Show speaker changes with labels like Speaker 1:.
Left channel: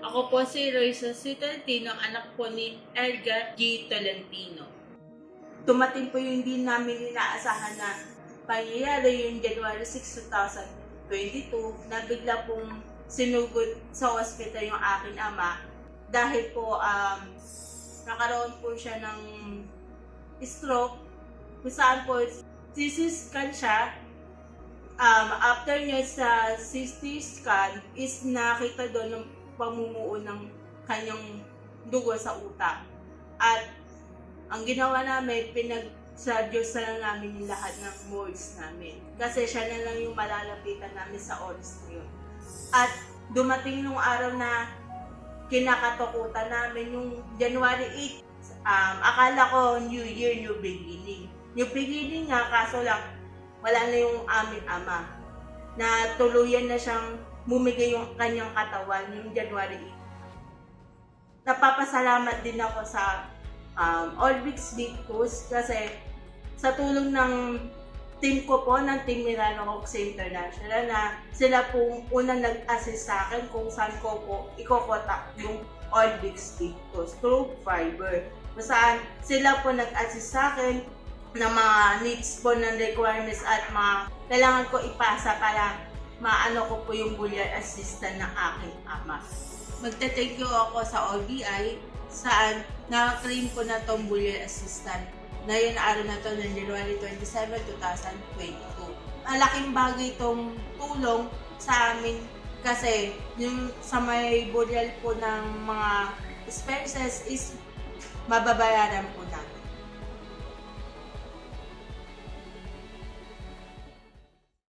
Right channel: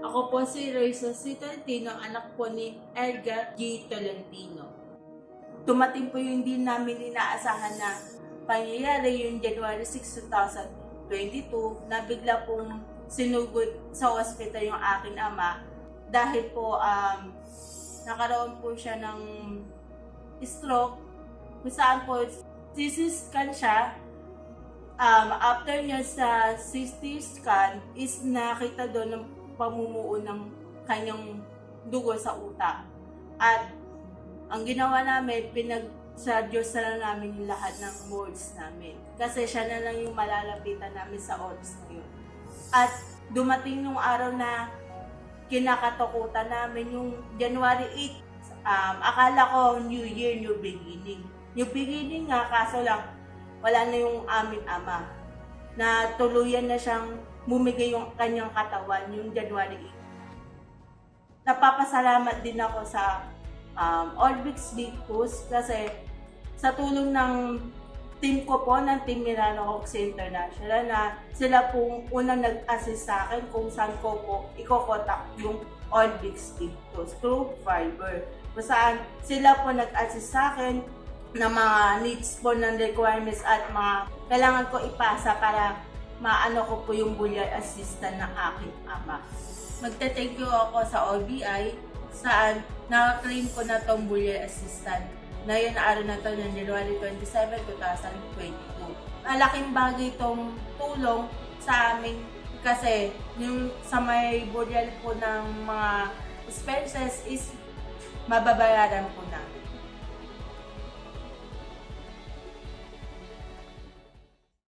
Speaker 1: Ako po si Royce C. Tolentino, anak po ni Edgar G. Tolentino.
Speaker 2: Tumating po yung hindi namin inaasahan na pangyayari yung January 6, 2022 na bigla pong sinugod sa ospital yung aking ama dahil po um, nakaroon po siya ng stroke kung saan po sisiscan siya um, after niya sa CT scan is nakita doon ng pamumuo ng kanyang dugo sa utak. At ang ginawa namin, pinag sa Diyos na lang namin yung lahat ng words namin. Kasi siya na lang yung malalapitan namin sa oras na yun. At dumating nung araw na kinakatakutan namin yung January 8. Um, akala ko New Year, New Beginning. New Beginning nga, kaso lang wala na yung aming ama. Na tuluyan na siyang bumigay yung kanyang katawan yung January 8. Napapasalamat din ako sa um, Orbix Victus kasi sa tulong ng team ko po ng Team Milano Hawks International na sila pong unang nag-assist sa akin kung saan ko po ikokota yung Orbix Victus through fiber. Kung saan sila po nag-assist sa akin na mga needs po ng requirements at mga kailangan ko ipasa para maano ko po yung bullion assistant ng aking ama. Magte-thank you ako sa OBI saan na-claim ko na tong bullion assistant na yun araw na to ng January 27, 2022. Malaking bagay itong tulong sa amin kasi yung sa may burial po ng mga expenses is mababayaran po namin.